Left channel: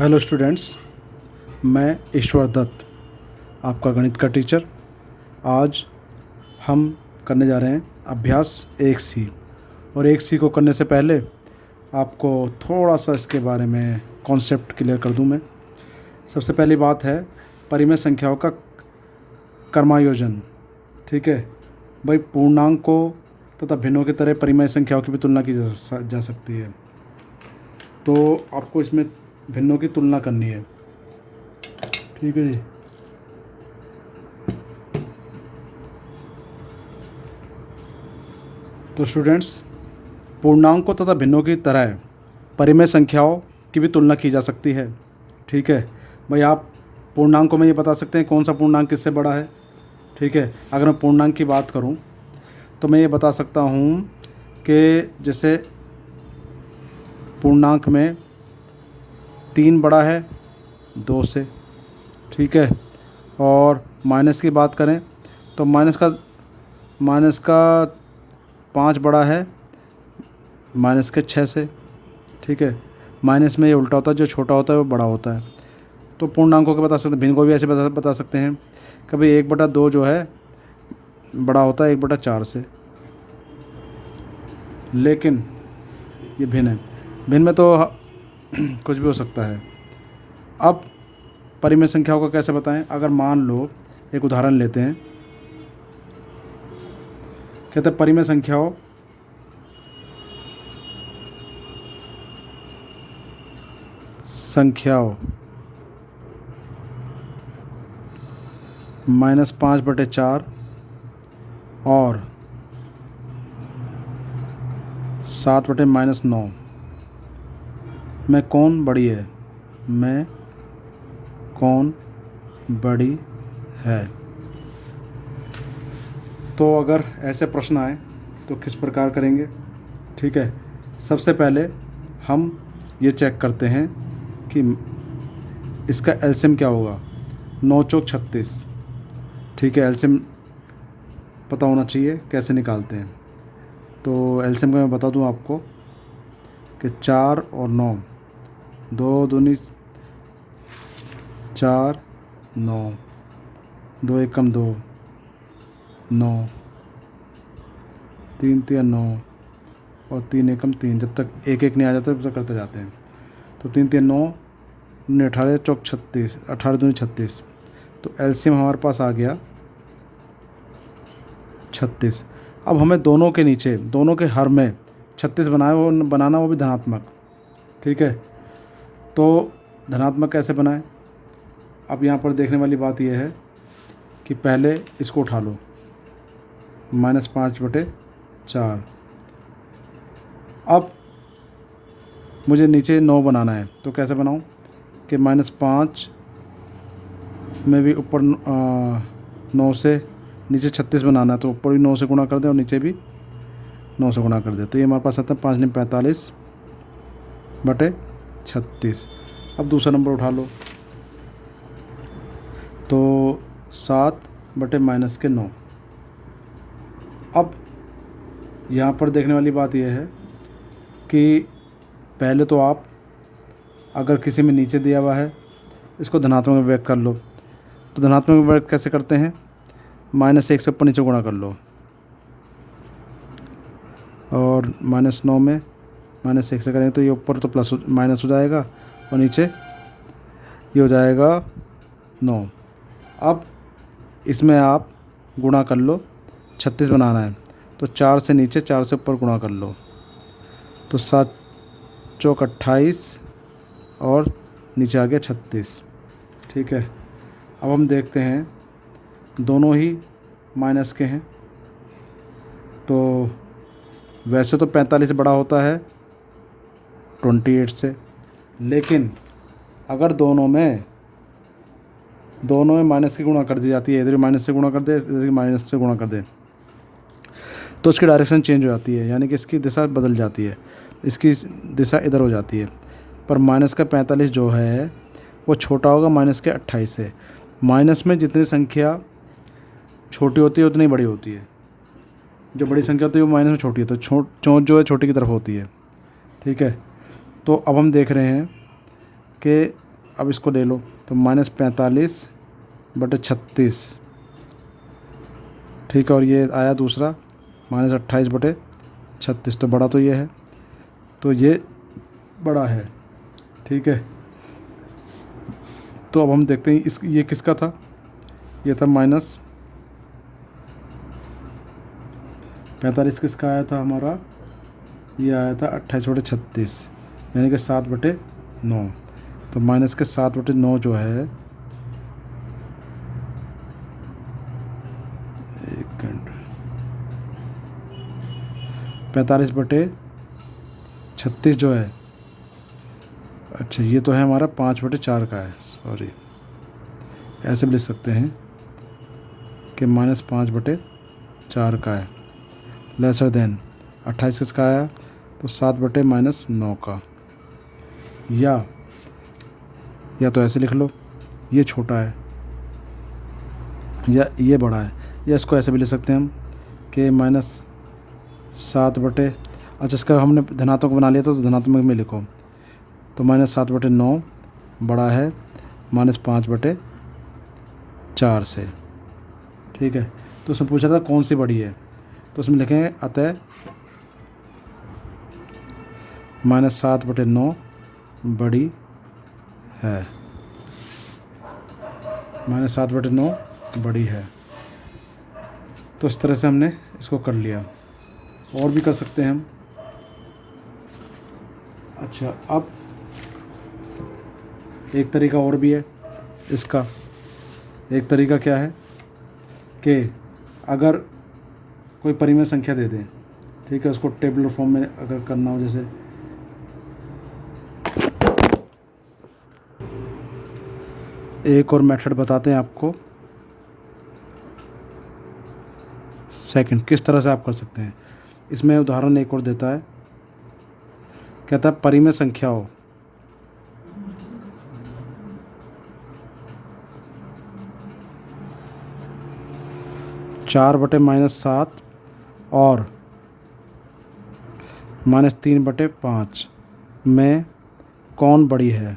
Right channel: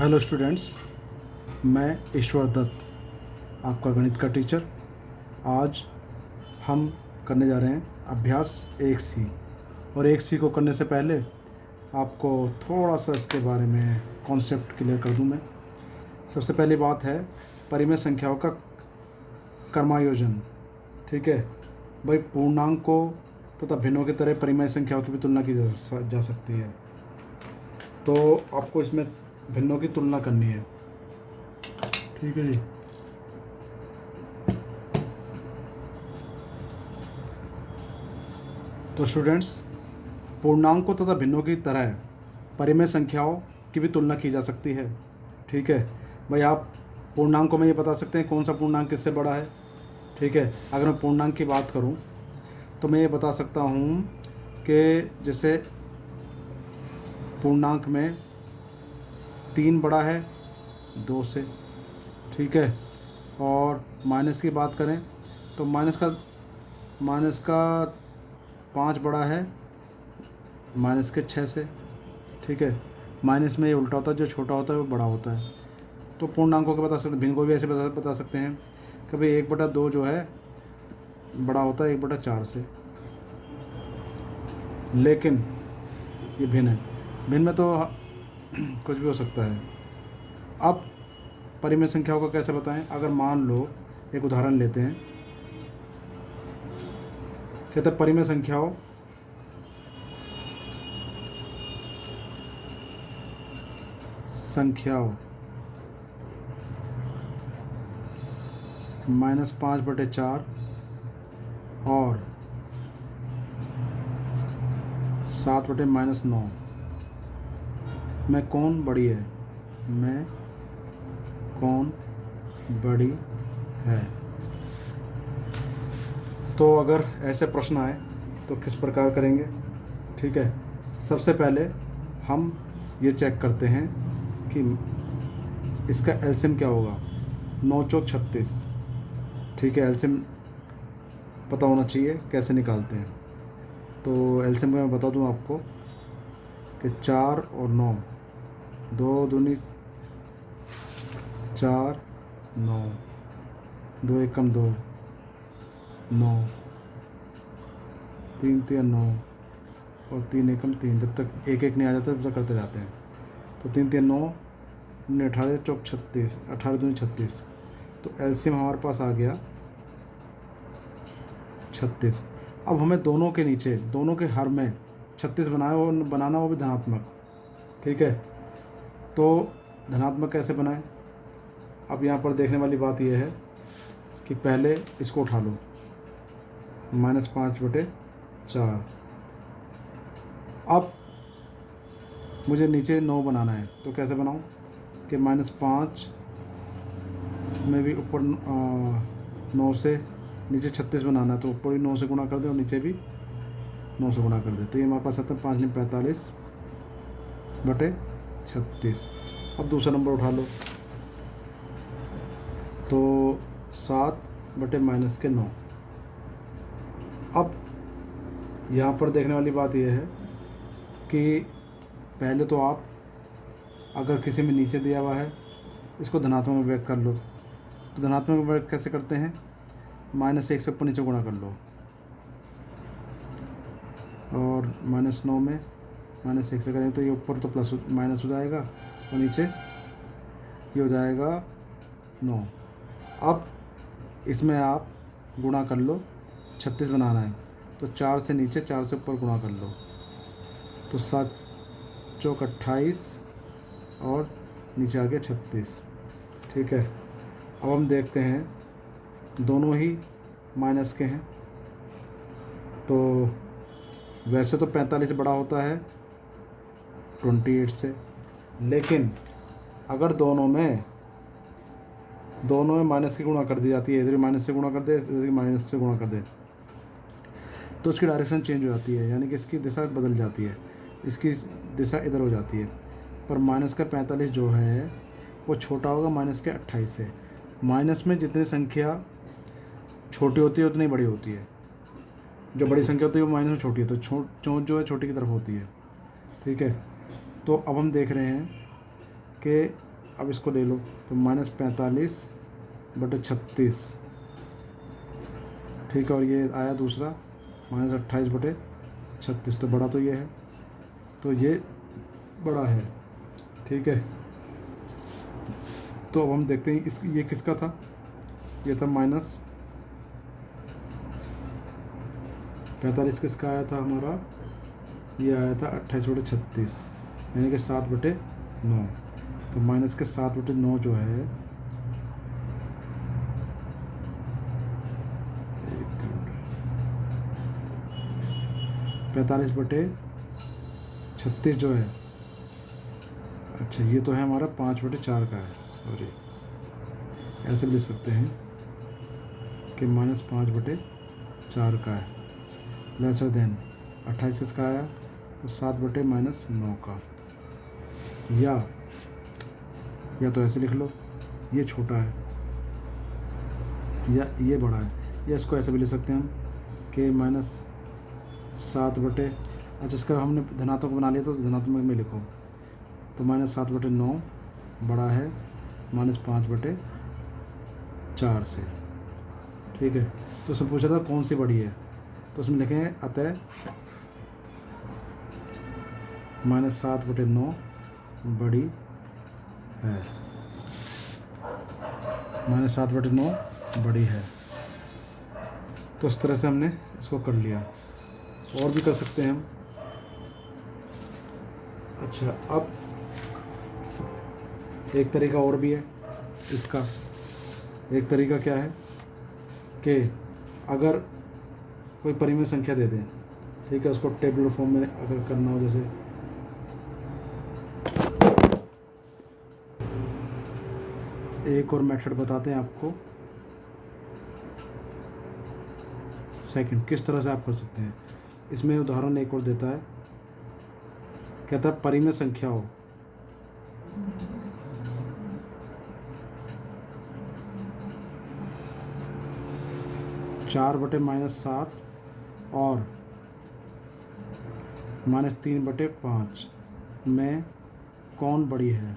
Hello students, मैं ईश्वर दत्त, आपका गणित का टीचर। आज हम करने जा रहे हैं अभ्यास 1C। और 1C को करने से पहले आपको थोड़ा सा इसके बारे में कॉन्सेप्ट क्लियर कर दूं मैं। सबसे पहली बात है परिमेय संख्याओं का क्रमायोजन। ठीक है भाई, पूर्णांकों तथा भिन्नों की तरह परिमेय संख्याओं की भी तुलना की जा सकती है। तो आपको इसमें भिन्नों की तुलना करनी है। ठीक है जी। तो स्टूडेंट्स, पूर्णांकों तथा भिन्नों की तरह परिमेय संख्याओं की भी तुलना की जा सकती है। ठीक है भाई, आप पूर्णांकों में ये बता सकते हैं कौन सा पूर्णांक किससे बड़ा है। ठीक है, अगर मैं पूर्णांक की बात करूं तो मैं ये बता सकता हूं कि जैसे पूर्णांक में 3 बड़ा है 2 से। ठीक है, और माइनस की बात करें तो माइनस का 5 बड़ा है माइनस के 6 से। ठीक है, माइनस में ये उल्टा होता है, जो छोटा होता है वो बड़ा होता है। तो पूर्णांकों के बता सकते हैं, भिन्न को भी ऐसे बता सकते हैं। कभी 1/2 जो है बड़ा होता है 1/4 से, लेकिन ये भिन्न है। भिन्न में तो कुछ भी हो सकता है। अब परिमेय संख्याओं को कैसे बताएं? अगर मान लो एक उदाहरण लेते हैं, कहते हैं परिमेय संख्याओं -5/4 और 7/-9 में कौन बड़ी है? में कौन बड़ी है? तो अगर ऐसे प्रश्न आए तो किस प्रकार करेंगे? ठीक है, सबसे पहले हम ये चेक करते हैं कि इसका एलसीएम क्या होगा। 9 चौक 36। ठीक है, एलसीएम पता होना चाहिए कैसे निकालते हैं। तो एलसीएम का मैं बता दूं आपको कि 4 और 9, 2 दूनी 4, 9, 2 एकम 2, 9, 3 तिया 9 और 3 एकम 3। जब तक एक एक नहीं आ जाता तब तक करते जाते हैं। तो 3 तिया 9, 18 चौक 36, 18 दूनी 36। तो एलसीएम हमारे पास आ गया 36। अब हमें दोनों के नीचे, दोनों के हर में 36 बनाना, वो भी धनात्मक। ठीक है, तो धनात्मक कैसे बनाएं? अब यहाँ पर देखने वाली बात यह है कि पहले इसको उठा लो, -5/4। अब मुझे नीचे 9 बनाना है, तो कैसे बनाऊं कि -5 में भी ऊपर 9 से नीचे 36 बनाना है, तो ऊपर भी 9 से गुणा कर दें और नीचे भी 9 से गुणा कर दें। तो ये हमारे पास आता है 5 × 45/36। अब दूसरा नंबर उठा लो, तो 7/-9। अब यहाँ पर देखने वाली बात यह है कि पहले तो आप अगर किसी में नीचे दिया हुआ है इसको धनात्मक में व्यक्त कर लो। तो धनात्मक में व्यक्त कैसे करते हैं? -1 से ऊपर नीचे गुणा कर लो, और -9 में -1 से करें तो ये ऊपर तो माइनस हो जाएगा और नीचे ये हो जाएगा 9। अब इसमें आप गुणा कर लो, 36 बनाना है तो 4 से नीचे 4 से ऊपर गुणा कर लो, तो 7 चौक 28 और नीचे आ गया 36। ठीक है, अब हम देखते हैं दोनों ही माइनस के हैं। तो वैसे तो 45 बड़ा होता है 28 से, लेकिन अगर दोनों में माइनस की गुणा कर दी जाती है, इधर माइनस से गुणा कर दे, इधर माइनस से गुणा कर दे, तो इसकी डायरेक्शन चेंज हो जाती है, यानी कि इसकी दिशा बदल जाती है, इसकी दिशा इधर हो जाती है। पर माइनस का 45 जो है वो छोटा होगा माइनस के 28 से। माइनस में जितनी संख्या छोटी होती है उतनी बड़ी होती है, जो बड़ी संख्या होती है वो माइनस में छोटी है, तो चोंच जो है छोटी की तरफ होती है। ठीक है, तो अब हम देख रहे हैं कि अब इसको ले लो तो -45/36, ठीक है। और ये आया दूसरा -28/36, तो बड़ा तो ये है, तो ये बड़ा है, ठीक है। तो अब हम देखते हैं ये किसका था, ये था -45, किसका आया था हमारा, ये आया था 28/36, यानी कि 7/9। तो माइनस के 7/9 जो है, 45/36 जो है, अच्छा ये तो है हमारा 5/4 का है, सॉरी, ऐसे भी लिख सकते हैं कि -5/4 का है, लेसर देन 28 किसका आया, तो 7/-9 का, या तो ऐसे लिख लो, ये छोटा है या ये बड़ा है, या इसको ऐसे भी लिख सकते हैं हम कि -7/, अच्छा इसका हमने धनात्मक बना लिया तो धनात्मक में लिखो, तो -7/9 बड़ा है -5/4 से, ठीक है। तो उसमें पूछा था कौन सी बड़ी है, तो उसमें लिखेंगे अतः -7/9 बड़ी है, -7/9 बड़ी है। तो इस तरह से हमने इसको कर लिया, और भी कर सकते हैं हम। अच्छा, अब एक तरीका और भी है इसका, एक तरीका क्या है कि अगर कोई परिमेय संख्या दे दें, ठीक है, उसको टेबुलर फॉर्म में अगर करना हो, जैसे एक और मेथड बताते हैं आपको, सेकंड, किस तरह से आप कर सकते हैं। इसमें उदाहरण एक और देता है, कहता है परिमेय संख्या हो 4/-7 और -3/5 में कौन बड़ी है,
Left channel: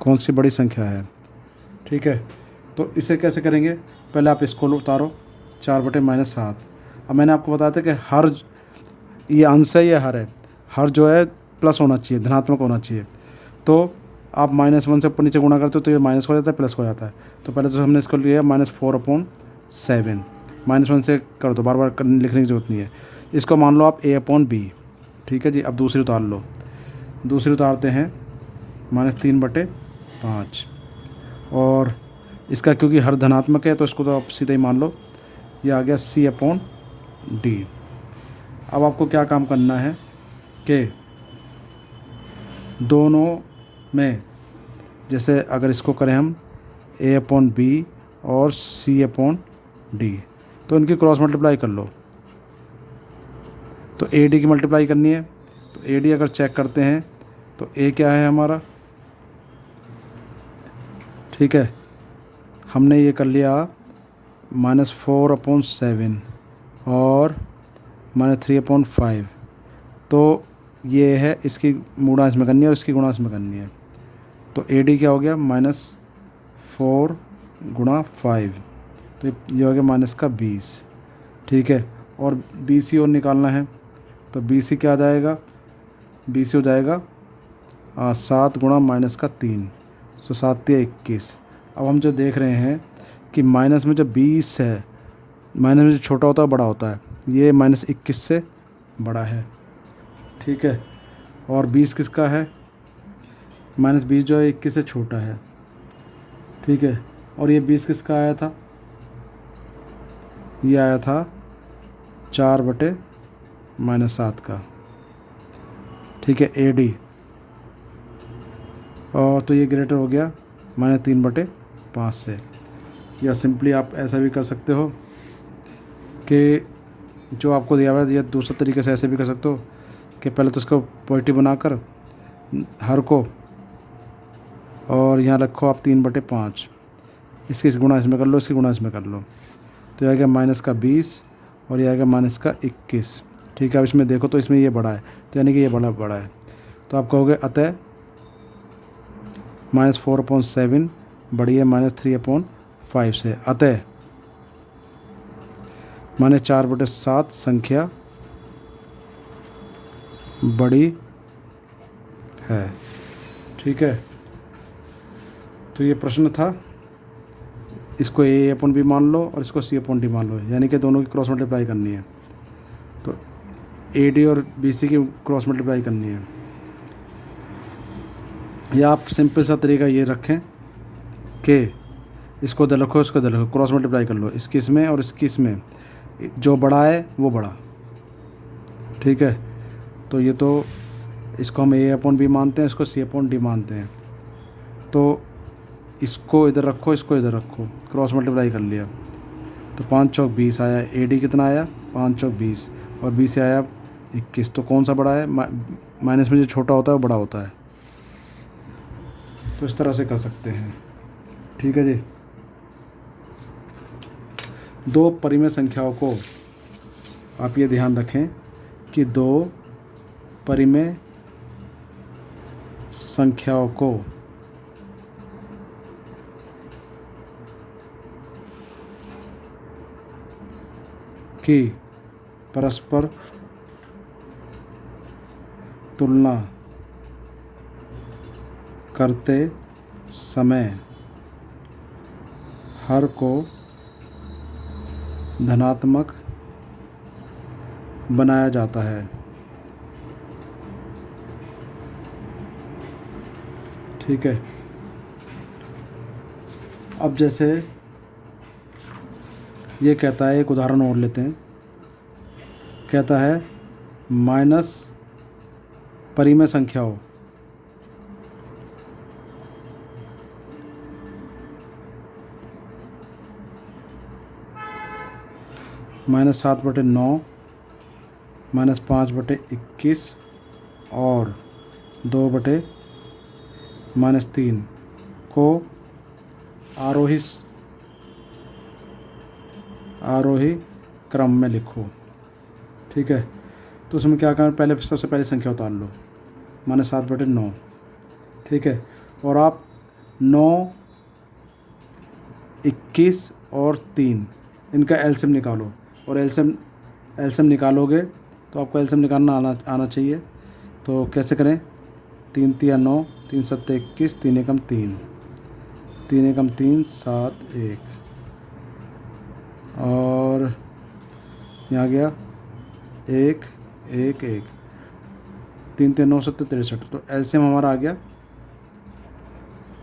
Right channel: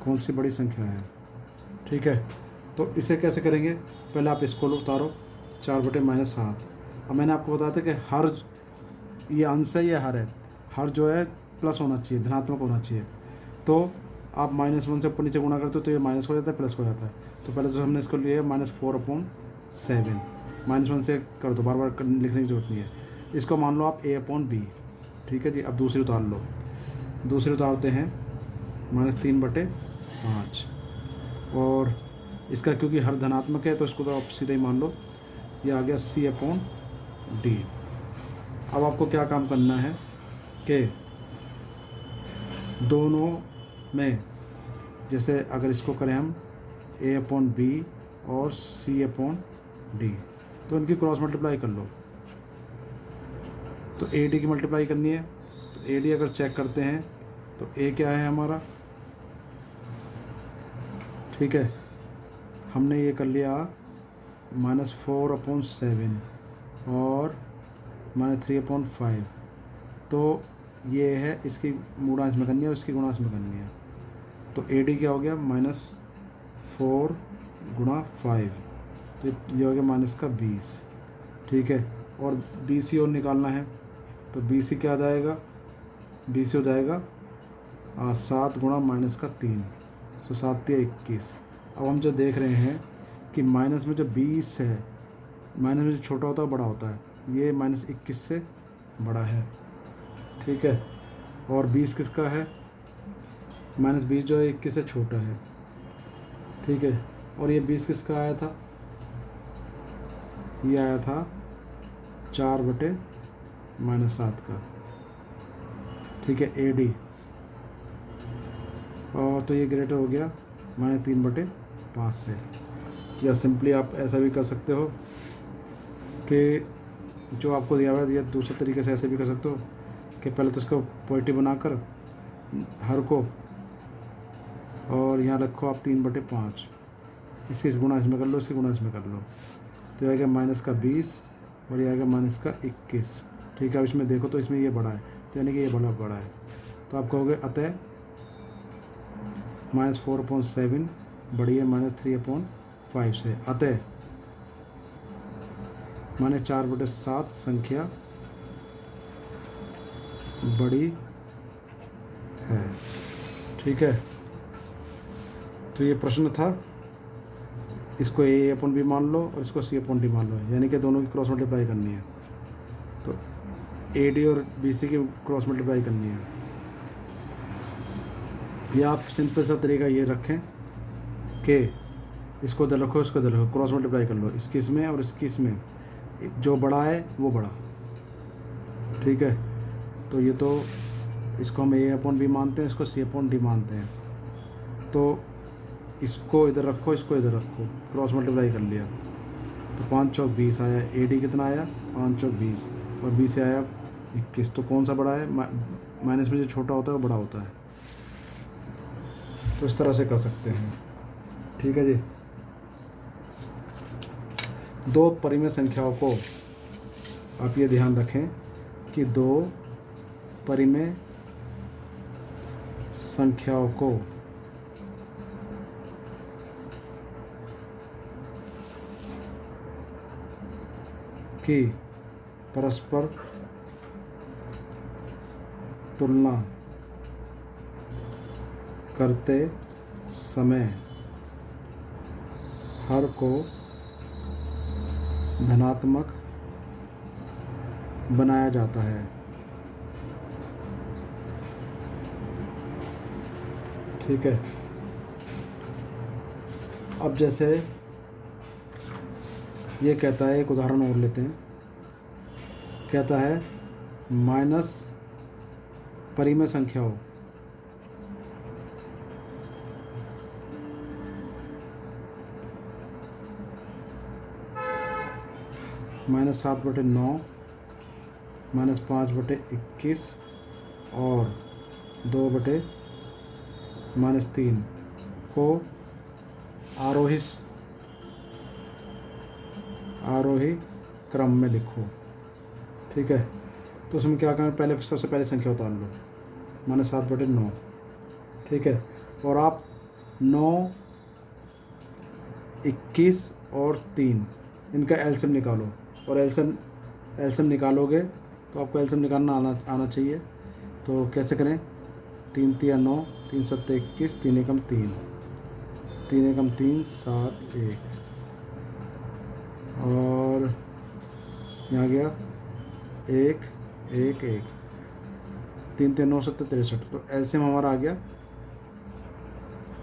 कौन सी बड़ी संख्या है, ठीक है। तो इसे कैसे करेंगे, पहले आप इसको उतारो 4/-7। अब मैंने आपको बताया था कि हर, ये अंश है, ये हर है, हर जो है प्लस होना चाहिए, धनात्मक होना चाहिए। तो आप -1 से ऊपर नीचे गुणा करते हो तो ये माइनस हो जाता है, प्लस हो जाता है। तो पहले तो हमने इसको लिया -4/7, -1 से कर दो, बार बार लिखने की जरूरत नहीं है। इसको मान लो आप A/B, ठीक है जी। अब दूसरी उतार लो, दूसरी उतारते हैं -3/5, और इसका क्योंकि हर धनात्मक है तो इसको तो आप सीधे ही मान लो, ये आ गया C/D। अब आपको क्या काम करना है कि दोनों में, जैसे अगर इसको करें हम A/B और C/D, तो इनकी क्रॉस मल्टीप्लाई कर लो। तो AD की मल्टीप्लाई करनी है, तो AD अगर चेक करते हैं तो A क्या है हमारा, ठीक है, हमने ये कर लिया -4/7 और -3/5, तो ये है, इसकी गुणा इसमें करनी है और इसकी गुणा इसमें करनी है। तो AD क्या हो गया, -4/5, तो ये हो गया -20, ठीक है। और BC और निकालना है, तो BC क्या आ जाएगा, BC हो जाएगा 7 × -3, तो 7 × 21। अब हम जो देख रहे हैं कि माइनस में जो 20 है, माइनस में जो छोटा होता है बड़ा होता है, ये -21 से बड़ा है, ठीक है। और 20 किसका है, -20 जो है 21 से छोटा है, ठीक है। और ये 20 किसका आया था, ये आया था 4/-7 का, ठीक है, AD। और तो ये ग्रेटर हो गया -3/5 से। या सिंपली आप ऐसा भी कर सकते हो कि जो आपको दिया हुआ है, या दूसरे तरीके से ऐसे भी कर सकते हो कि पहले तो उसको पॉजिटिव बनाकर हर को, और यहाँ रखो आप 3/5, इसकी गुणा इसमें कर लो, इसकी गुणा इसमें कर लो, तो यह आएगा -20 और यह आएगा -21, ठीक है। अब इसमें देखो तो इसमें ये बड़ा है, तो यानी कि ये बड़ा है। तो आप कहोगे अतः -4/7 बड़ी है -3/5 से। अतः -4/7 संख्या बड़ी है। ठीक है, तो ये प्रश्न था। इसको A/B मान लो और इसको C/D मान लो, यानी कि दोनों की क्रॉस मल्टीप्लाई करनी है। तो AD और BC की क्रॉस मल्टीप्लाई करनी है। या आप सिंपल सा तरीका ये रखें कि इसको इधर रखो, इसको इधर रखो, क्रॉस मल्टीप्लाई कर लो, इसकी इसमें और इसकी इसमें, जो बड़ा है वो बड़ा। ठीक है, तो ये तो इसको हम A/B मानते हैं, इसको C/D मानते हैं। तो इसको इधर रखो, इसको इधर रखो, क्रॉस मल्टीप्लाई कर लिया तो 5 चौक 20 आया। AD कितना आया? 5 चौक 20 और B से आया 21। तो कौन सा बड़ा है? माइनस में जो छोटा होता है वो बड़ा होता है। तो इस तरह से कर सकते हैं। ठीक है जी। दो परिमेय संख्याओं को आप ये ध्यान रखें कि दो परिमेय संख्याओं को की परस्पर तुलना करते समय हर को धनात्मक बनाया जाता है। ठीक है, अब जैसे ये कहता है, एक उदाहरण और लेते हैं। कहता है माइनस परिमेय संख्याओं -7/9 -5/21 और 2/-3 को आरोही क्रम में लिखो। ठीक है, तो उसमें क्या करना, पहले सबसे पहले संख्या उतार लो, -7/9। ठीक है, और आप 9, 21 और 3 इनका एलसीएम निकालो। और एलसीएम निकालोगे तो आपको एलसीएम निकालना आना चाहिए। तो कैसे करें? 3 तिया 9, 3 सत्ते 21, 3 एकम 3, 3 एकम 3 7 1 और यहाँ गया 1 1 1, 3 3 9 7 63। तो एलसीएम हमारा आ गया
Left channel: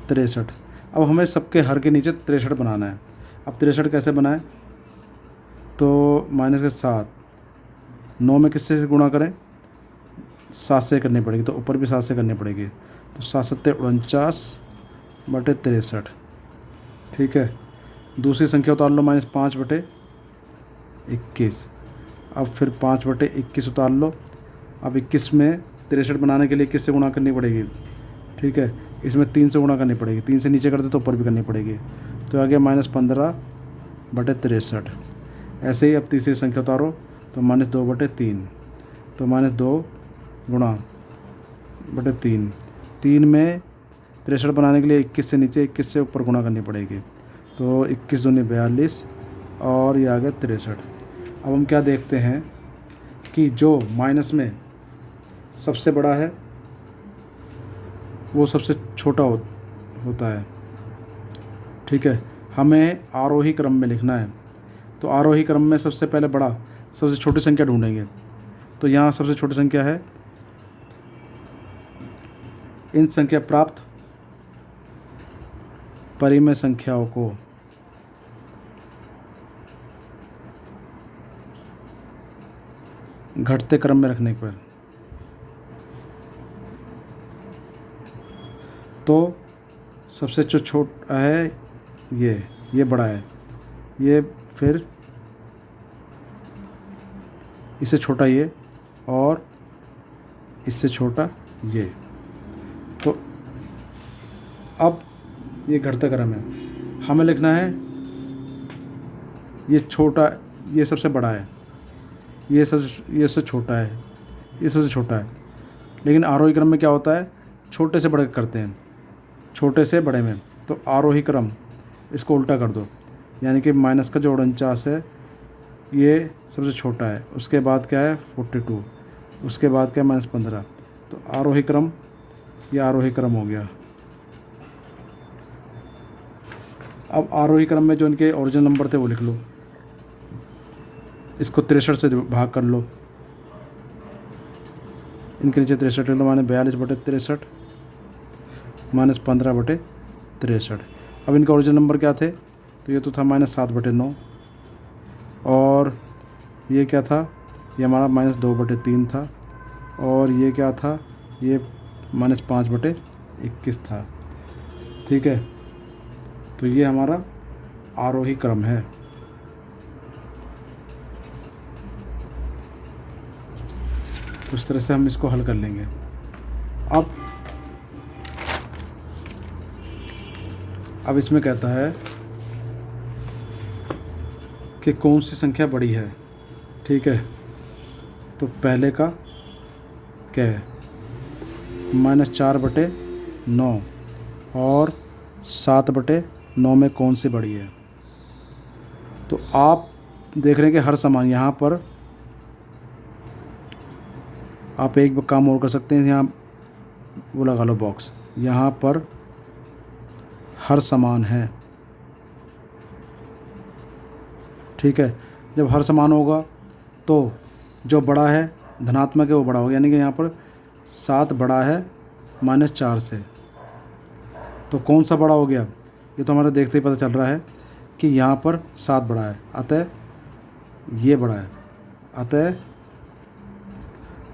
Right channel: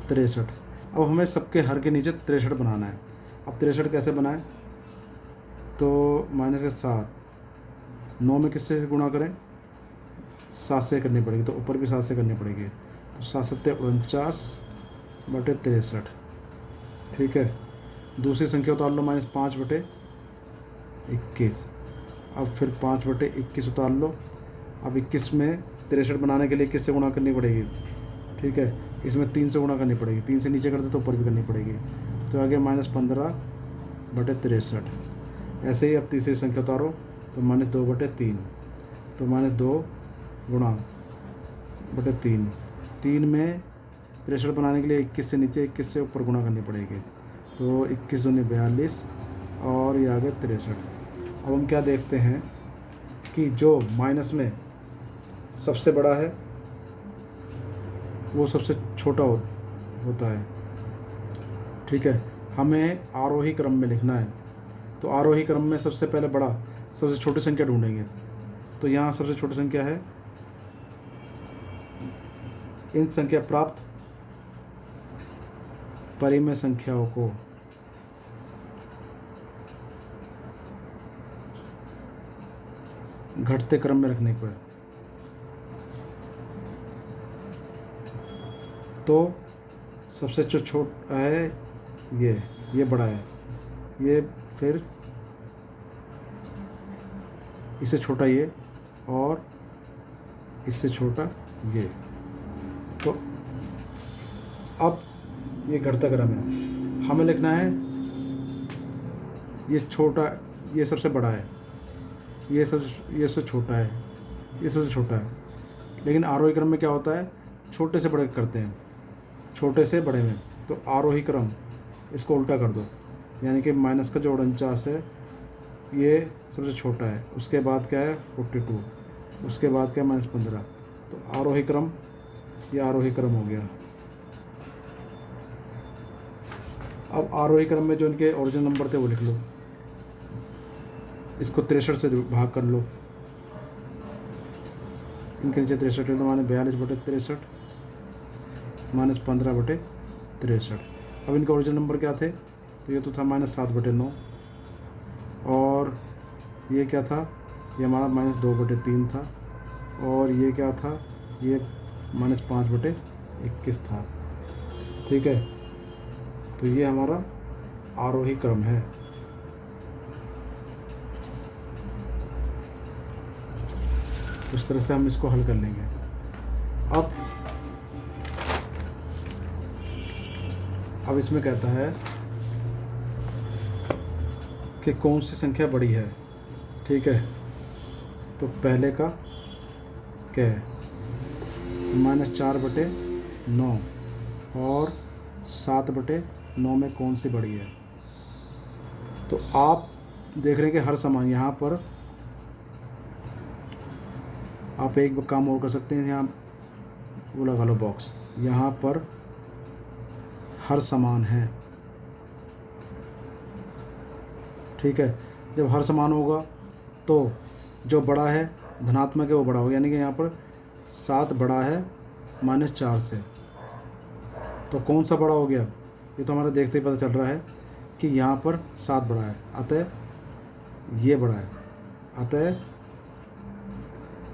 63। अब हमें सबके हर के नीचे 63 बनाना है। अब 63 कैसे बनाएं? तो -7, 9 में किससे से गुणा करें? 7 से करनी पड़ेगी, तो ऊपर भी 7 से करनी पड़ेगी। तो 7 सत्ते 49/63। ठीक है, दूसरी संख्या उतार लो, -5/21। अब फिर 5/21 उतार लो। अब 21 में 63 बनाने के लिए किससे गुणा करनी पड़ेगी? ठीक है, इसमें 3 से गुणा करनी पड़ेगी, 3 से नीचे करते तो ऊपर भी करनी पड़ेगी। तो आ गया -15/63। ऐसे ही अब तीसरी संख्या उतारो तो -2/3। तो -2 गुणा बटे 3, 3 में 63 बनाने के लिए 21 से नीचे 21 से ऊपर गुणा करनी पड़ेगी। तो 21 दूनी 42 और ये आ गया 63। अब हम क्या देखते हैं कि जो माइनस में सबसे बड़ा है वो सबसे छोटा होता है। ठीक है, हमें आरोही क्रम में लिखना है। तो आरोही क्रम में सबसे पहले बड़ा, सबसे छोटी संख्या ढूंढेंगे। तो यहाँ सबसे छोटी संख्या है, इन संख्या प्राप्त परिमेय संख्याओं को घटते क्रम में रखने पर तो सबसे जो छोटा है ये बड़ा है, ये फिर इससे छोटा ये और इससे छोटा ये। तो अब ये घटता क्रम है, हमें लिखना है ये छोटा, ये सबसे बड़ा है, ये सबसे छोटा है, ये सबसे छोटा है। लेकिन आरोही क्रम में क्या होता है, छोटे से बड़े करते हैं, छोटे से बड़े में, तो आरोही क्रम इसको उल्टा कर दो, यानी कि माइनस का जो 49 है ये सबसे छोटा है, उसके बाद क्या है 42, उसके बाद क्या है -15, तो आरोही क्रम, ये आरोही क्रम हो गया। अब आरोही क्रम में जो इनके ओरिजिनल नंबर थे वो लिख लो, इसको 63 से भाग कर लो, इनके नीचे 63 लिख लो, माने 42/63 -15/63। अब इनका ओरिजिनल नंबर क्या थे, तो ये तो था -7/9, और ये क्या था, ये हमारा -2/3 था, और ये क्या था, ये -5/21 था। ठीक है, तो ये हमारा आरोही क्रम है। उस तरह से हम इसको हल कर लेंगे। अब इसमें कहता है कि कौन सी संख्या बड़ी है। ठीक है, तो पहले का क्या है, -4/9 और 7/9 में कौन सी बड़ी है। तो आप देख रहे हैं कि हर समान, यहाँ पर आप एक काम और कर सकते हैं, यहाँ वो लगा लो बॉक्स, यहाँ पर हर समान है। ठीक है, जब हर समान होगा तो जो बड़ा है धनात्मक है वो बड़ा होगा, यानी कि यहाँ पर 7 बड़ा है -4 से, तो कौन सा बड़ा हो गया, ये तो हमारे देखते ही पता चल रहा है कि यहाँ पर 7 बड़ा है, अतः ये बड़ा है, अतः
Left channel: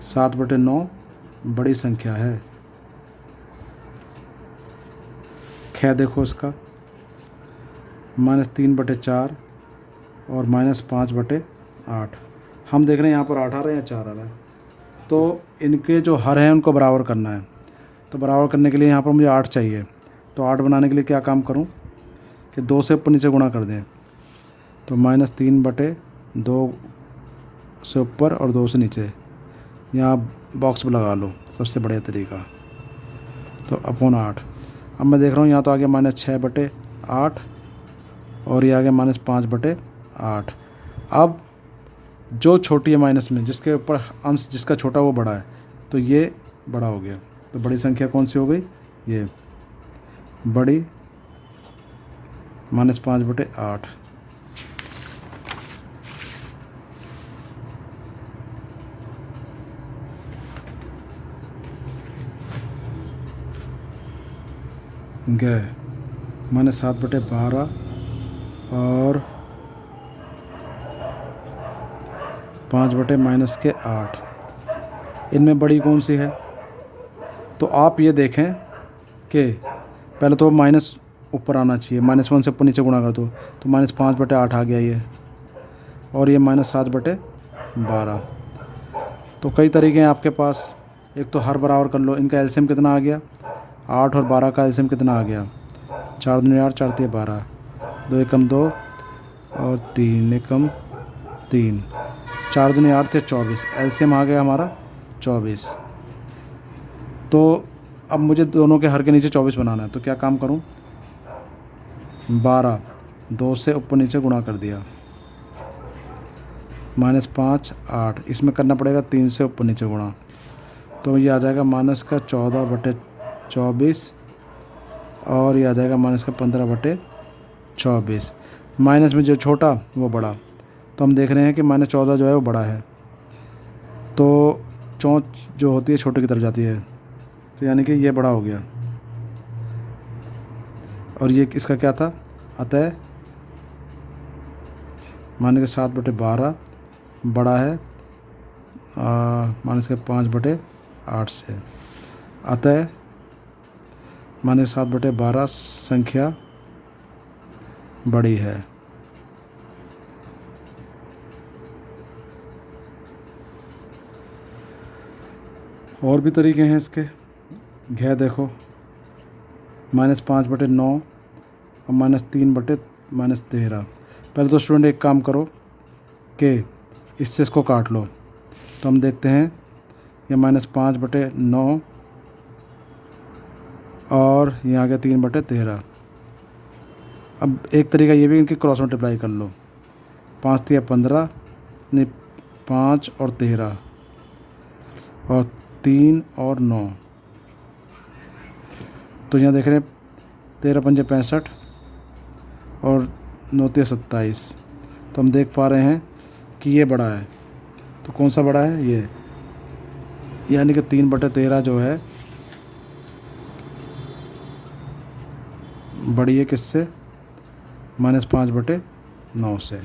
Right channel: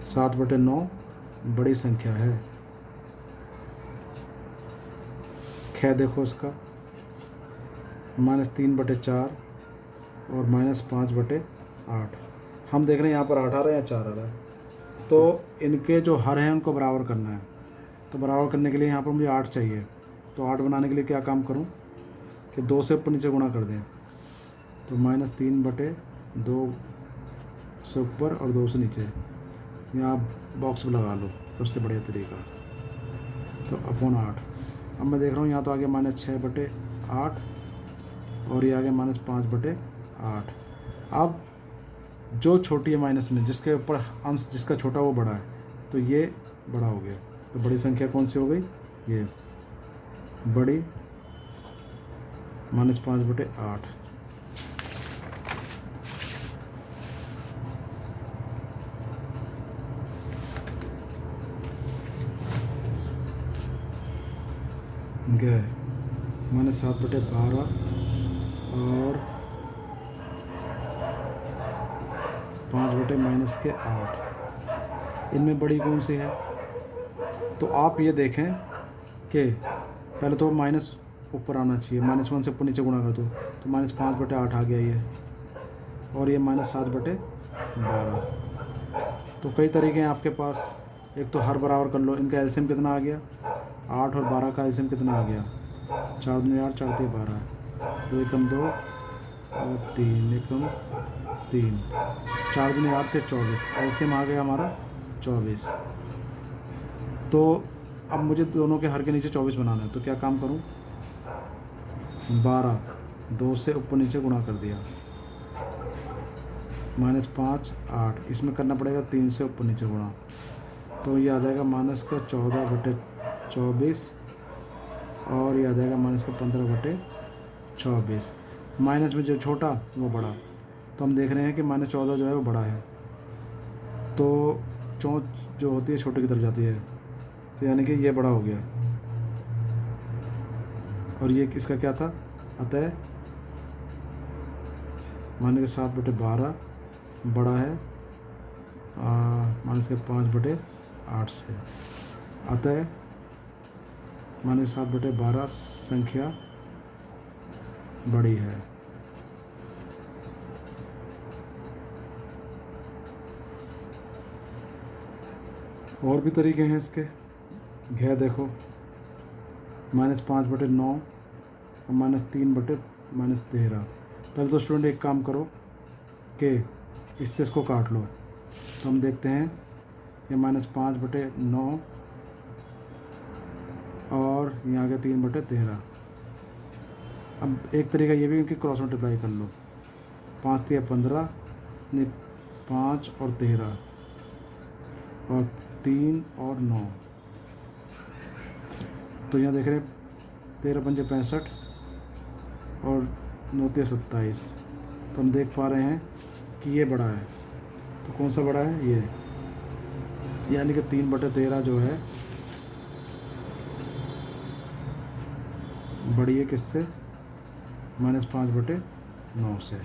7/9 बड़ी संख्या है। ख्या देखो इसका, -3/4 और -5/8। हम देख रहे हैं यहाँ पर 8 आ रहा है या 4 आ रहा है, तो इनके जो हर हैं उनको बराबर करना है। तो बराबर करने के लिए यहाँ पर मुझे 8 चाहिए, तो 8 बनाने के लिए क्या काम करूँ कि 2 से ऊपर नीचे गुणा कर दें, तो -3/2 से ऊपर और 2 से नीचे, यहाँ बॉक्स में लगा लो, सबसे बढ़िया तरीका। तो /8। अब मैं देख रहा हूँ यहाँ तो आ गया -6/8 और ये आ गया -5/8। अब जो छोटी है माइनस में, जिसके ऊपर अंश जिसका छोटा वो बड़ा है, तो ये बड़ा हो गया। तो बड़ी संख्या कौन सी हो गई, ये बड़ी, -5/8। गए -7/12 और 5/-8। इनमें बड़ी कौन सी है, तो आप ये देखें कि पहले तो माइनस ऊपर आना चाहिए, -1 से ऊपर नीचे गुणा कर दो, तो -5/8 आ गया ये, और ये -7/12। तो कई तरीके हैं आपके पास, एक तो हर बराबर कर लो, इनका एलसीएम कितना आ गया, 8 और 12 का एलसीएम कितना आ गया, 4 दूनी 8, 4 तिया 12, 2 एकम 2 और 3 एकम 3, 4 दूनी 8 थे 24, एलसीएम आ गया हमारा 24। तो अब मुझे दोनों के हर के नीचे 24 बनाना है, तो क्या काम करूं, 12 2 से ऊपर नीचे गुणा कर दिया, -5 8, इसमें करना पड़ेगा 3 से ऊपर नीचे गुणा, तो ये आ जाएगा -14/24 और ये आ जाएगा -15/24। माइनस में जो छोटा वो बड़ा, तो हम देख रहे हैं कि -14 जो है वो बड़ा है, तो चौंच जो होती है छोटे की तरफ जाती है, तो यानी कि ये बड़ा हो गया, और ये इसका क्या था, अतः माने के 7/12 बड़ा है माने के 5/8 से, अतः माने 7/12 संख्या बड़ी है। और भी तरीके हैं इसके, घे देखो, -5/9 और -3/13। पहले तो स्टूडेंट एक काम करो कि इससे इसको काट लो, तो हम देखते हैं ये -5/9 और और यहाँ आ गया 3/13। अब एक तरीका ये भी इनकी क्रॉस मल्टीप्लाई कर लो, 5 तिया 15, नहीं 5 और 13 और 3 और 9। तो यहाँ देख रहे हैं 13 पंजे 65 और 9 तिया 27। तो हम देख पा रहे हैं कि ये बड़ा है। तो कौन सा बड़ा है? ये, यानी कि 3/13 जो है बड़ी है किससे? -5/9 से।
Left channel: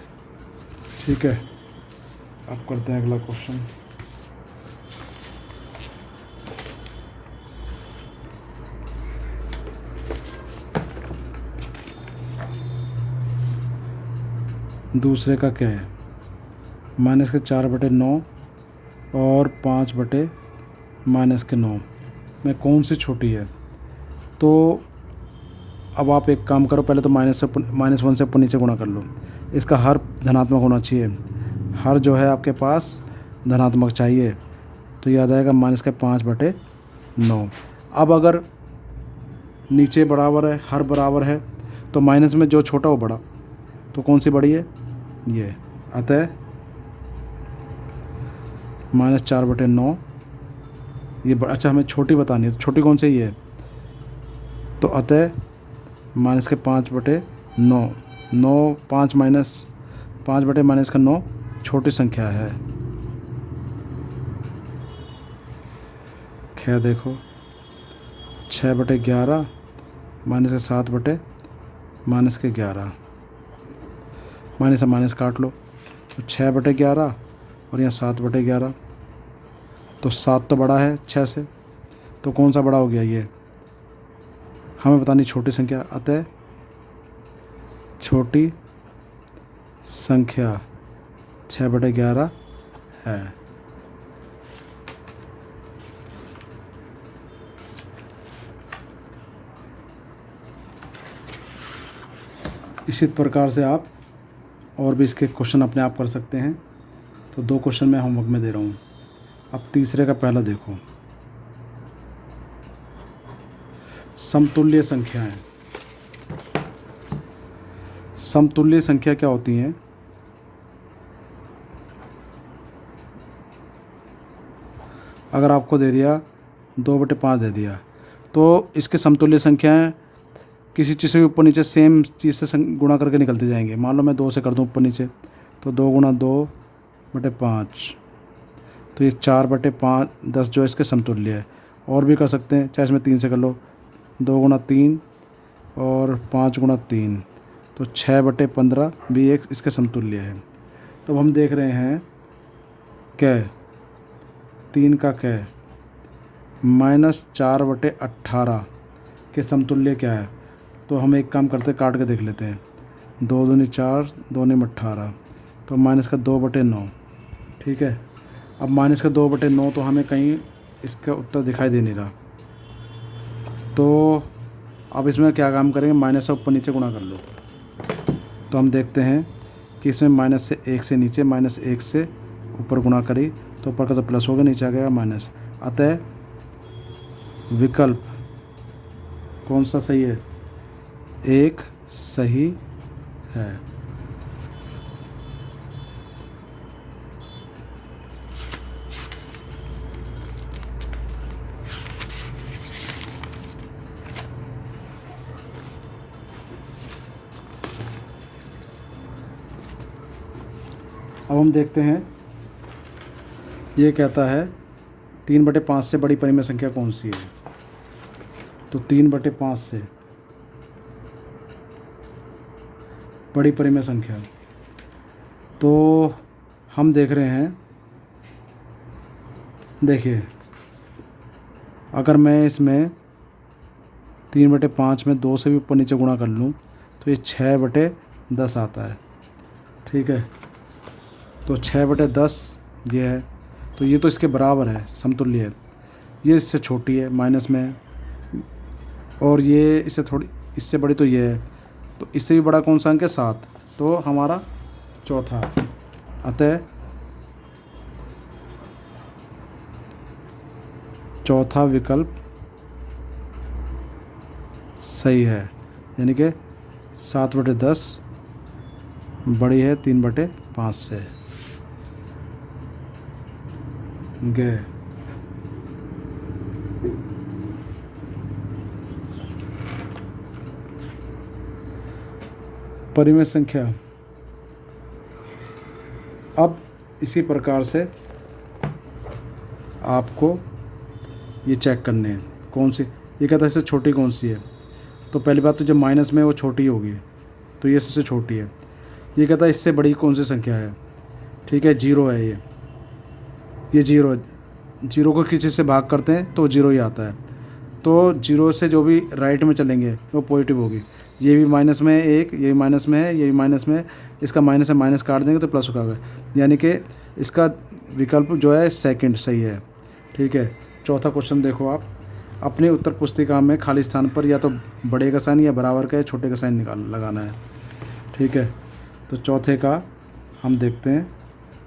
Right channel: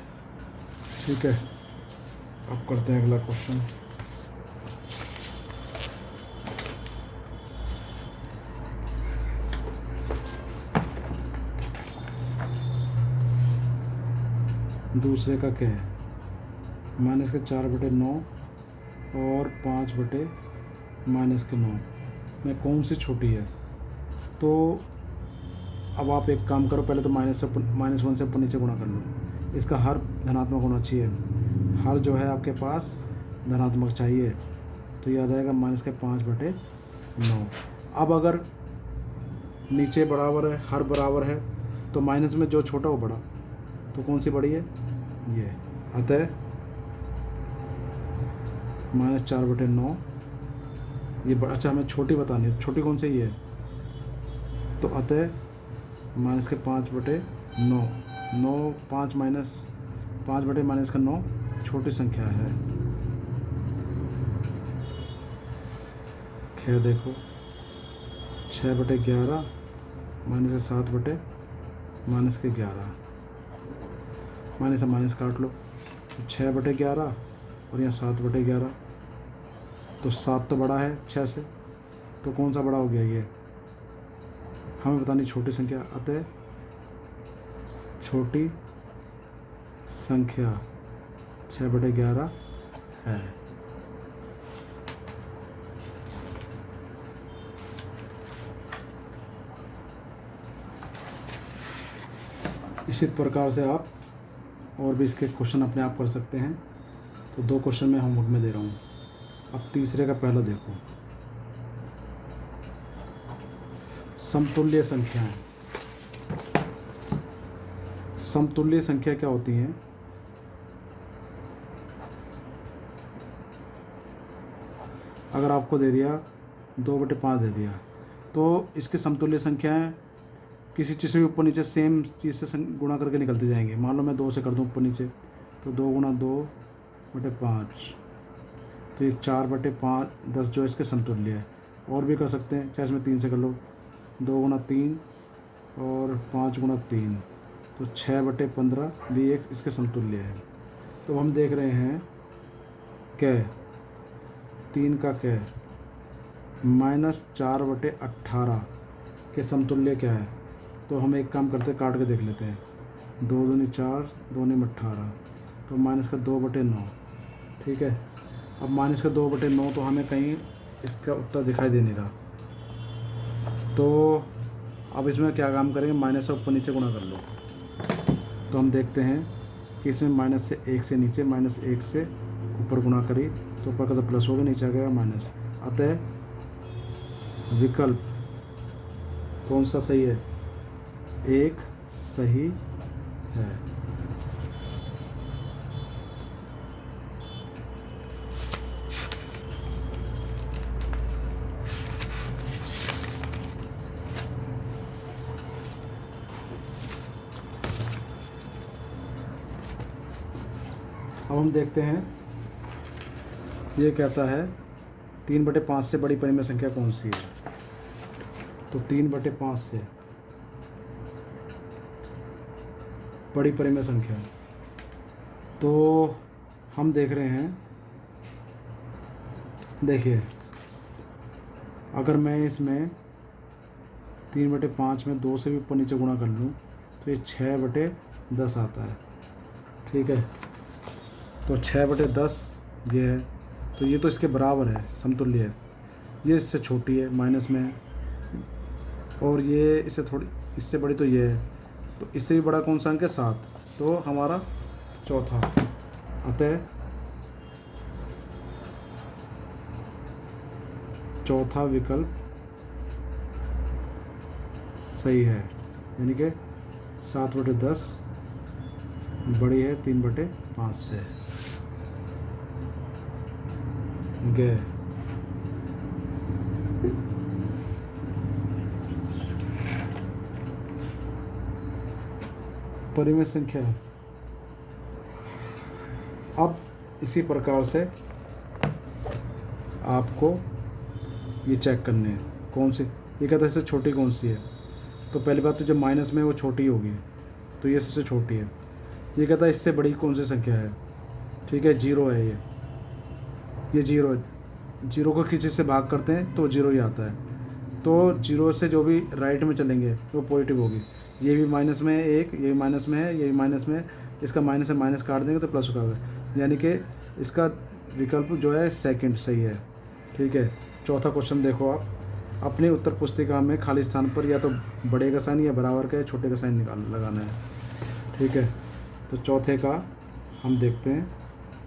ठीक है, अब करते हैं अगला क्वेश्चन। दूसरे का क्या है? -4/9 और 5/-9 में कौन सी छोटी है? तो अब आप एक काम करो, पहले तो -1 से ऊपर नीचे गुणा कर लो। इसका हर धनात्मक होना चाहिए, हर जो है आपके पास धनात्मक चाहिए। तो ये आ जाएगा -5/9। अब अगर नीचे बराबर है, हर बराबर है, तो माइनस में जो छोटा वो बड़ा, तो कौन सी बड़ी है? ये। अतः -4/9 ये अच्छा हमें छोटी बतानी है, तो छोटी कौन सी है? ये। तो अतः -5/9, 9 5 5/-9 छोटी संख्या है। क्या देखो, 6/11 -7/-11, माइनस से माइनस काट लो, तो 6/11 और यहाँ 7/11। तो 7 तो बड़ा है 6 से, तो कौन सा बड़ा हो गया? ये। हमें बतानी छोटी संख्या, अतः छोटी संख्या 6/11 है। इसी प्रकार से आप और भी इसके क्वेश्चन अपने आप कर सकते हैं। तो 2 क्वेश्चन मैं होमवर्क में दे रहा हूँ। अब तीसरे का पहला देखो, समतुल्य संख्याएं। समतुल्य संख्या क्या होती हैं? अगर आपको दे दिया 2/5 दे दिया, तो इसके समतुल्य संख्याएं किसी चीज़ से भी ऊपर नीचे सेम चीज़ से गुणा करके निकलती जाएंगे। मान लो मैं 2 से कर दूं ऊपर नीचे, तो 2 × 2/5, तो ये 4/5 10 जो इसके समतुल्य है। और भी कर सकते हैं, चाहे इसमें 3 से कर लो, 2 × 3 और 5 × 3, तो 6/15 भी एक इसके समतुल्य है। तो हम देख रहे हैं क्या 3 का क्या है? -4/18 के समतुल्य क्या है? तो हम एक काम करते, काट के देख लेते हैं। 2 दूनी 4, 2 × 18, तो -2/9। ठीक है, अब -2/9 तो हमें कहीं इसका उत्तर दिखाई दे नहीं रहा। तो अब इसमें क्या काम करेंगे? माइनस से ऊपर नीचे गुणा कर लो। तो हम देखते हैं कि इसमें -1 से नीचे, -1 से ऊपर गुणा करी, तो ऊपर का तो प्लस हो गया, नीचे आ गया माइनस। अतः विकल्प कौन सा सही है? 1 सही है। अब हम देखते हैं, ये कहता है 3/5 से बड़ी परिमेय संख्या कौन सी है? तो 3/5 से बड़ी परिमेय संख्या, तो हम देख रहे हैं, देखिए अगर मैं इसमें 3/5 में 2 से भी ऊपर नीचे गुणा कर लूँ, तो ये 6/10 आता है। ठीक है, तो 6/10 ये है, तो ये तो इसके बराबर है, समतुल्य है। ये इससे छोटी है, माइनस में है, और ये इससे थोड़ी, इससे बड़ी तो ये है। तो इससे भी बड़ा कौन सा अंक है? 7, तो हमारा चौथा। अतः चौथा विकल्प सही है, यानी कि 7/10 बड़ी है 3/5 से। गे परिमेय संख्या। अब इसी प्रकार से आपको ये चेक करने हैं कौन सी, ये कहता है इससे छोटी कौन सी है। तो पहली बात तो जब माइनस में वो छोटी होगी तो ये सबसे छोटी है। ये कहता है इससे बड़ी कौन सी संख्या है, ठीक है, 0 है ये 0 है। 0 को किसी से भाग करते हैं तो 0 ही आता है। तो 0 से जो भी राइट में चलेंगे वो पॉजिटिव होगी। ये भी माइनस में है एक, ये भी माइनस में है, ये भी माइनस में है, इसका माइनस से माइनस काट देंगे तो प्लस होगा, यानी कि इसका विकल्प जो है सेकंड सही है, ठीक है। चौथा क्वेश्चन देखो आप, अपनी उत्तर पुस्तिका में खाली स्थान पर या तो बड़े का साइन या बराबर का या छोटे का साइन लगाना है, ठीक है। तो चौथे का हम देखते हैं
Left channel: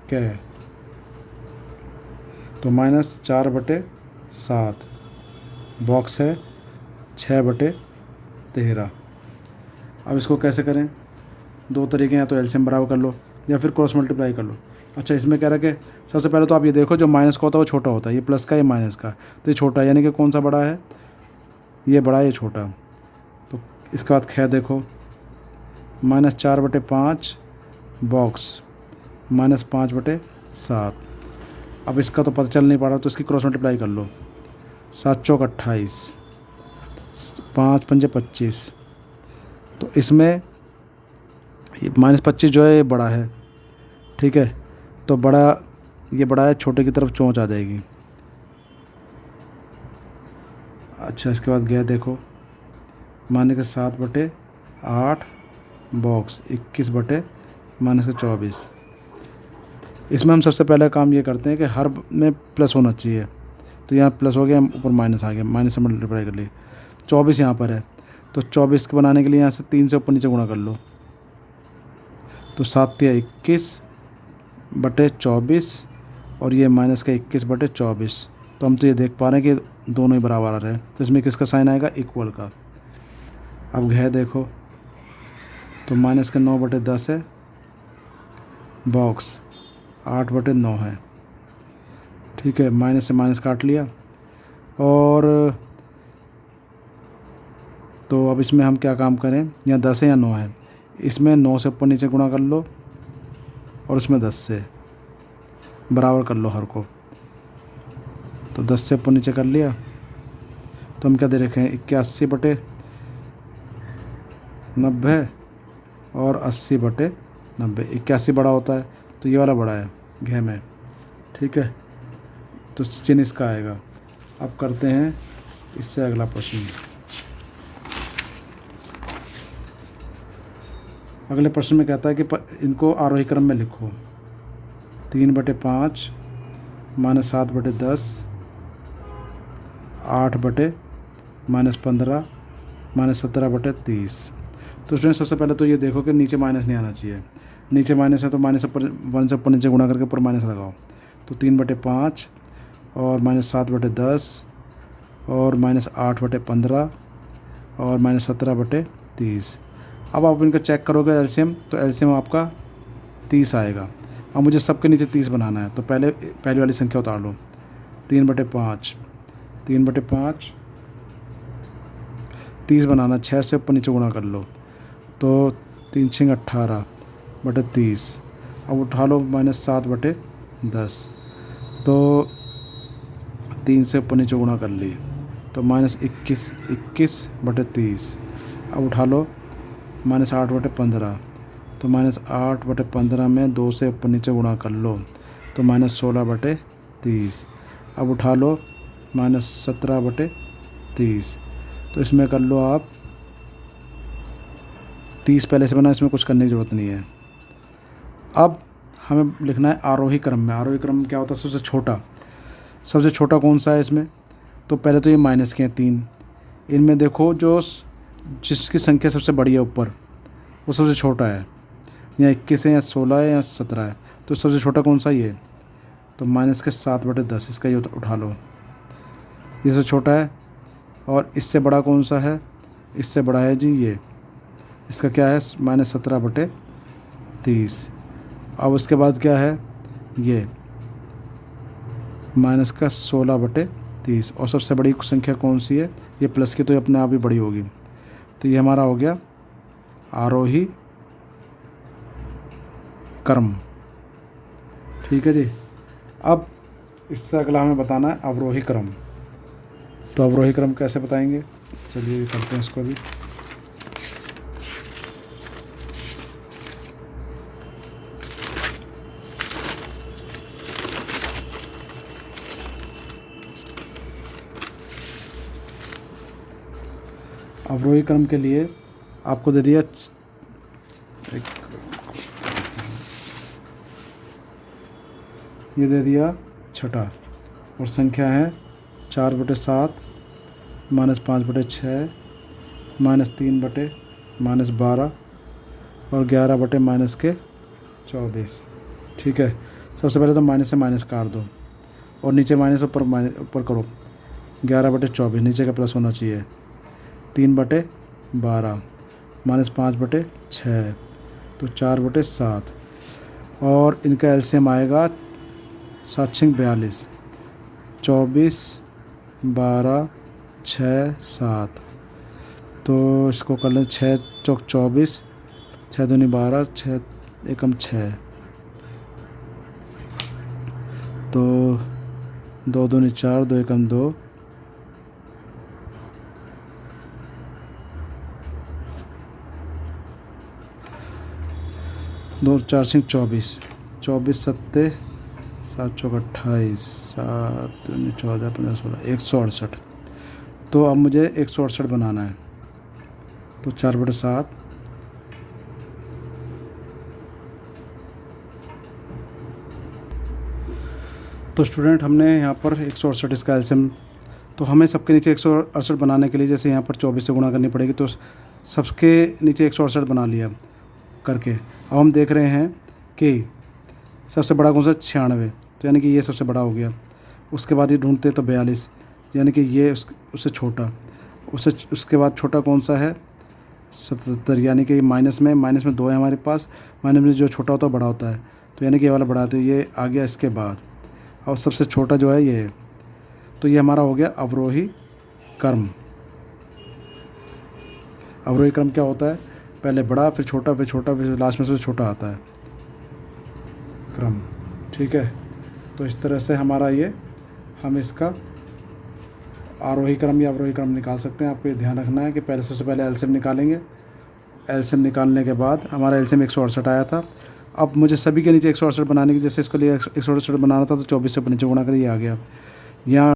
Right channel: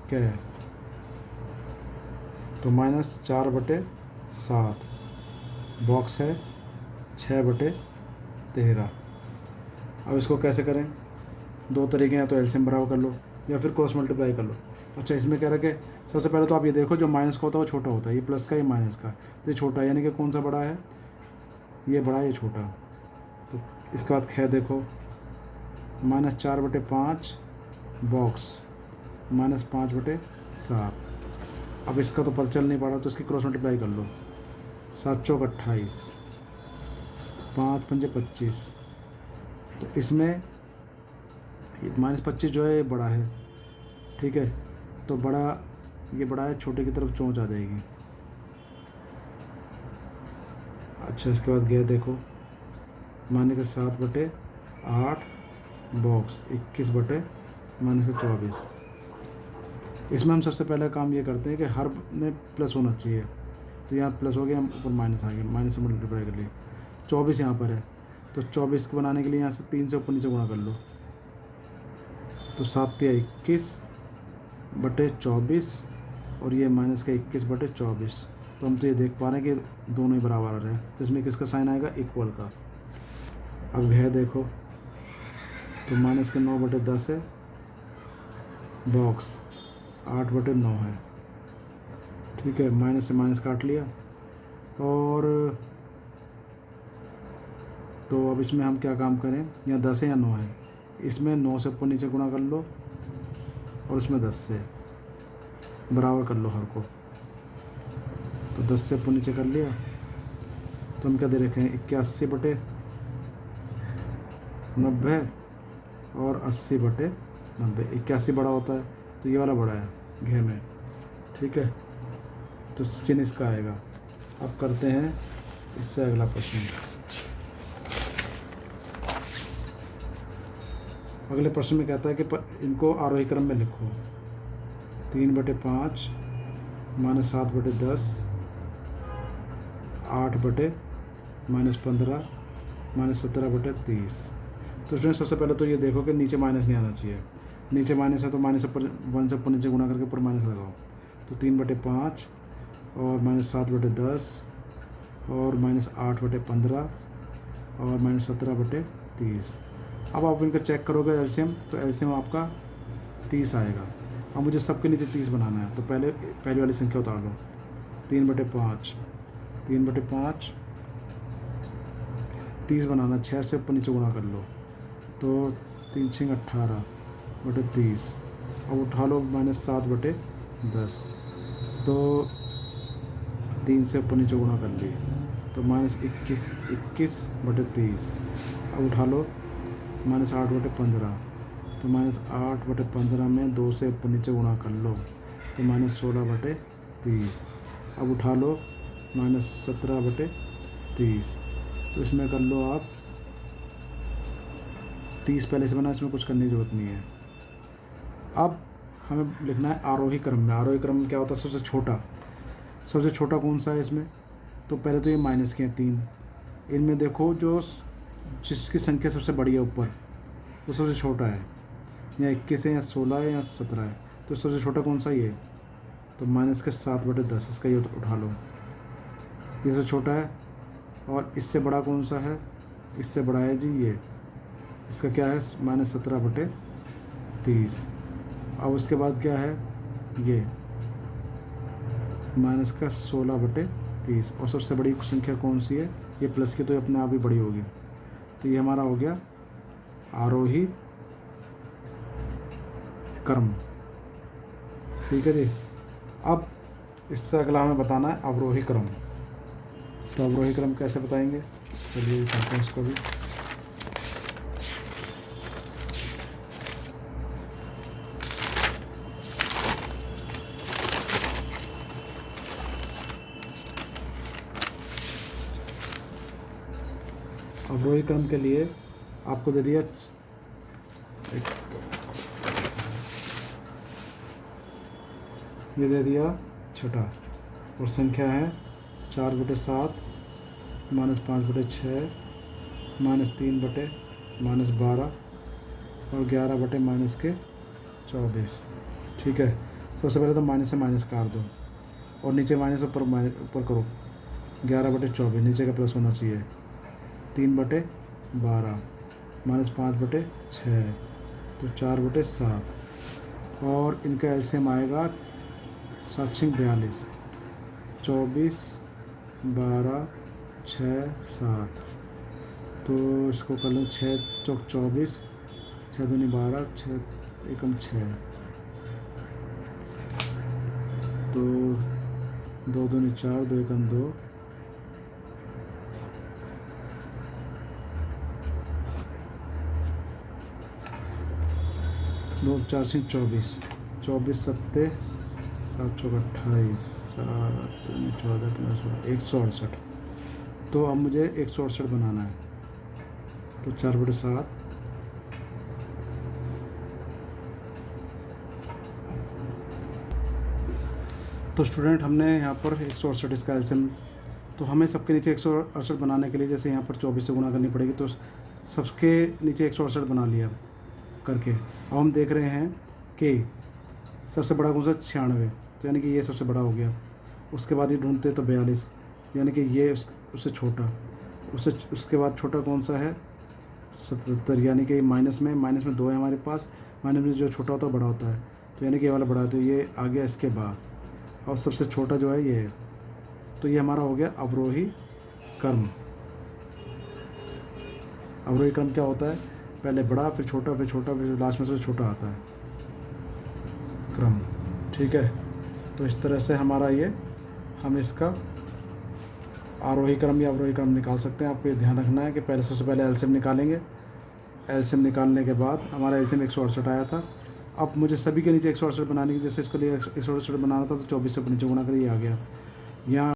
क्या है। तो -4/7 बॉक्स है 6/13। अब इसको कैसे करें, दो तरीके हैं, या तो एलसीएम बराबर कर लो या फिर क्रॉस मल्टीप्लाई कर लो। अच्छा, इसमें कह रहा है कि सबसे पहले तो आप ये देखो जो माइनस का होता है वो छोटा होता है, ये प्लस का ये माइनस का, तो ये छोटा है, यानी कि कौन सा बड़ा है, ये बड़ा है ये छोटा। तो इसके बाद ख देखो, -4/5 बॉक्स -5/7। अब इसका तो पता चल नहीं पा रहा तो इसकी क्रॉस मल्टीप्लाई कर लो, 7 चौक 28, 5 पंजे 25। तो इसमें -25 जो है ये बड़ा है, ठीक है। तो बड़ा, ये बड़ा है, छोटे की तरफ चोंच आ जाएगी। अच्छा, इसके बाद गया देखो, माने के 7/8 बॉक्स 21/-24। इसमें हम सबसे पहला काम ये करते हैं कि हर में प्लस होना चाहिए। तो यहाँ प्लस हो गया, ऊपर माइनस आ गया, माइनस से मल्टीप्लाई कर लिए। 24 यहाँ पर है, तो 24 के बनाने के लिए यहाँ से 3 से ऊपर नीचे गुणा कर लो। तो 7 या 21/24 और ये माइनस का 21/24। तो हम तो ये देख पा रहे हैं कि दोनों ही बराबर आ रहे हैं, तो इसमें किसका साइन आएगा, इक्वल का। अब है देखो, तो -9/10 है बॉक्स 8/9 है, ठीक है। माइनस से माइनस काट लिया, और तो अब इसमें हम क्या काम करें, यहाँ 10 है या 9 है, इसमें 9 से ऊपर नीचे गुणा कर लो और उसमें 10 से बराबर कर लो हर को। तो 10 से ऊपर नीचे कर लिया, तो हम क्या दे रखे हैं, 81/90 और 80/90। 81 बड़ा होता है तो ये वाला बड़ा है घे में, ठीक है। तो चिन्ह इसका आएगा। अब करते हैं इससे अगला प्रश्न। अगले प्रश्न में कहता है कि इनको आरोही क्रम में लिखो। 3/5 -7/10 8/-15 -17/30। तो उसमें सबसे पहले तो ये देखो कि नीचे माइनस नहीं आना चाहिए। नीचे माइनस है तो -1 से ऊपर नीचे गुणा करके ऊपर माइनस लगाओ। तो 3/5 और -7/10 और -8/15 और -17/30। अब आप इनका चेक करोगे एलसीएम, तो एलसीएम आपका 30 आएगा। अब मुझे सबके नीचे 30 बनाना है, तो पहली वाली संख्या उतार लो। 3/5 30 बनाना, 6 से ऊपर नीचे गुणा कर लो। तो 3 6 18/30। अब उठा लो -7/10। तो 3 से ऊपर नीचे गुणा कर लिए, तो -21/30। अब उठा लो -8/15। तो -8/15 में 2 से ऊपर नीचे गुणा कर लो, तो -16/30। अब उठा लो -17/30। तो इसमें कर लो आप 30 पहले से बना, इसमें कुछ करने की ज़रूरत नहीं है। अब हमें लिखना है आरोही क्रम में। आरोही क्रम क्या होता है, सबसे छोटा कौन सा है इसमें। तो पहले तो ये माइनस के हैं 3, इनमें देखो जो जिसकी संख्या सबसे बड़ी है ऊपर वो सबसे छोटा है, या 21 है या 16 है या 17 है। तो सबसे छोटा कौन सा ये, तो -7/10 इसका ये उठा लो, ये सबसे छोटा है। और इससे बड़ा कौन सा है, इससे बड़ा है जी ये, इसका क्या है -17/30। अब उसके बाद क्या है ये माइनस का 16/30। और सबसे बड़ी संख्या कौन सी है, ये प्लस की तो ये अपने आप ही बड़ी होगी। तो ये हमारा हो गया आरोही क्रम। ठीक है जी। अब इससे अगला हमें बताना है अवरोही क्रम। तो अवरोही क्रम कैसे बताएंगे, चलिए करते हैं इसको भी। अवरोही क्रम के लिए आपको दे दिया ये दे दिया छठा, और संख्या है 4/7 -5/6 -3/-12 और 11/-24। ठीक है। सबसे पहले तो माइनस से माइनस काट दो और नीचे माइनस ऊपर करो। 11/24 नीचे का प्लस होना चाहिए। 3/12 -5/6 तो 4/7 और इनका एलसीएम आएगा 7×42 24 12 6 7। तो इसको कर लें 6 चौक 24 6 दूनी 12 6 एकम 6 तो 2 दूनी 4 2 एकम 2 2 4 सिंह 24 24 7 7 चौक 28 7 दूनी 14 15 16 168। तो अब मुझे 168 बनाना है। तो 4/7 तो स्टूडेंट हमने यहाँ पर 168 इसका एलसीएम, तो हमें सबके नीचे 168 बनाने के लिए जैसे यहाँ पर 24 से गुणा करनी पड़ेगी, तो सबके नीचे 168 बना लिया करके। अब हम देख रहे हैं कि सबसे बड़ा कौन सा 96, तो यानी कि ये सबसे बड़ा हो गया। उसके बाद ये ढूंढते तो 42, यानी कि ये उससे छोटा, उसके बाद छोटा कौन सा है 77, यानी कि माइनस में 2 है हमारे पास। माइनस में जो छोटा होता है बड़ा होता है, तो यानी कि ये वाला बड़ा है, तो ये आ गया इसके बाद। और सबसे छोटा जो है ये है। तो ये हमारा हो गया अवरोही क्रम। अवरोही क्रम क्या होता है, पहले बड़ा फिर छोटा फिर छोटा फिर लास्ट में से छोटा आता है क्रम। ठीक है। तो इस तरह से हमारा ये हम इसका आरोही क्रम या अवरोही क्रम निकाल सकते हैं। आपको ये ध्यान रखना है कि पहले सबसे पहले एलसीएम निकालेंगे। एलसीएम निकालने के बाद हमारा एलसीएम 168 आया था। अब मुझे सभी के नीचे 168 बनाने की, जैसे इसके लिए 168 बनाना था तो 24 से नीचे गुणा कर ये आ गया। यहाँ